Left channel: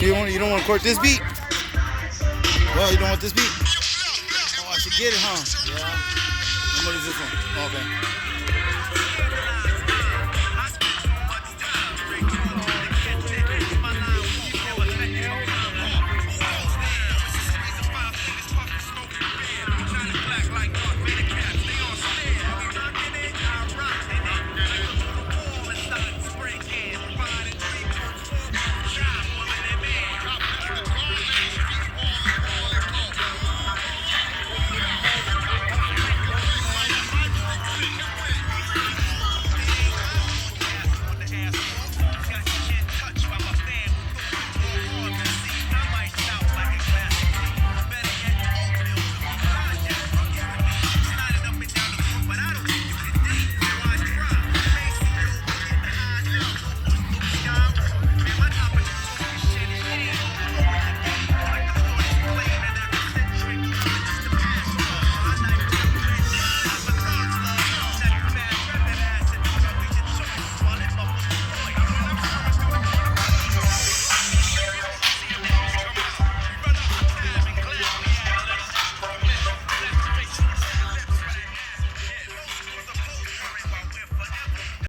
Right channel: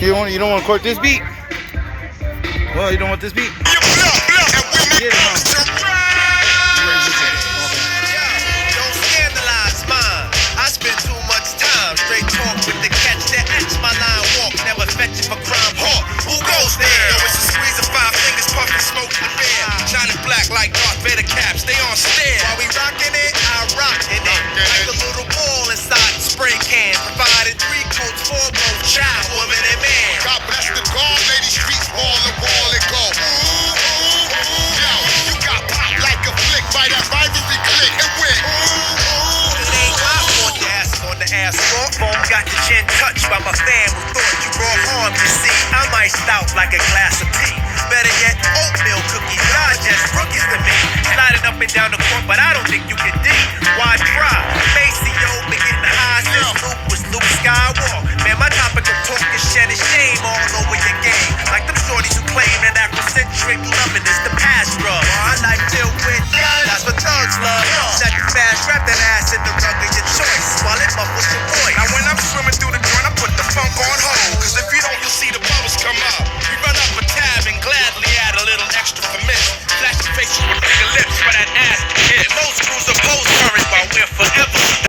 You don't want to court this beat? Well, you don't want this beat? Get it, huh? Where's this one? Okay. Don't scandalize mine. I spend too much time straight talk with the catch that etch my line walk. Never fetching for crime hawk. Who goes there? Yo, it's a squeeze of 5 fingers, puffing smoke in the bear. Shining black like Darth Vader caps. Stay on stare. While we rocking it, I rockin' it. Like a little ball inside the spray can. Provided 3 coats, 4 both child, woman, and man. God bless the guard, lady streets ball and go. You got pop like a flick by that rivalry click and win. It ain't my fault the ass on the asphalt. Phone got your chin touched by my fan who thought you brought harm. You see, I'm iced out like a glass of tea. Better yet, oatmeal cookies. Y'all just rookies to me. Sliding up and down the court, but I don't think you can dig. Why try? Maceo been getting high since Luke was Luke Skywalker. Man, my topic of talk is shedding shame all over your game. Like them shorties who claim that Afrocentric loving is the past drug.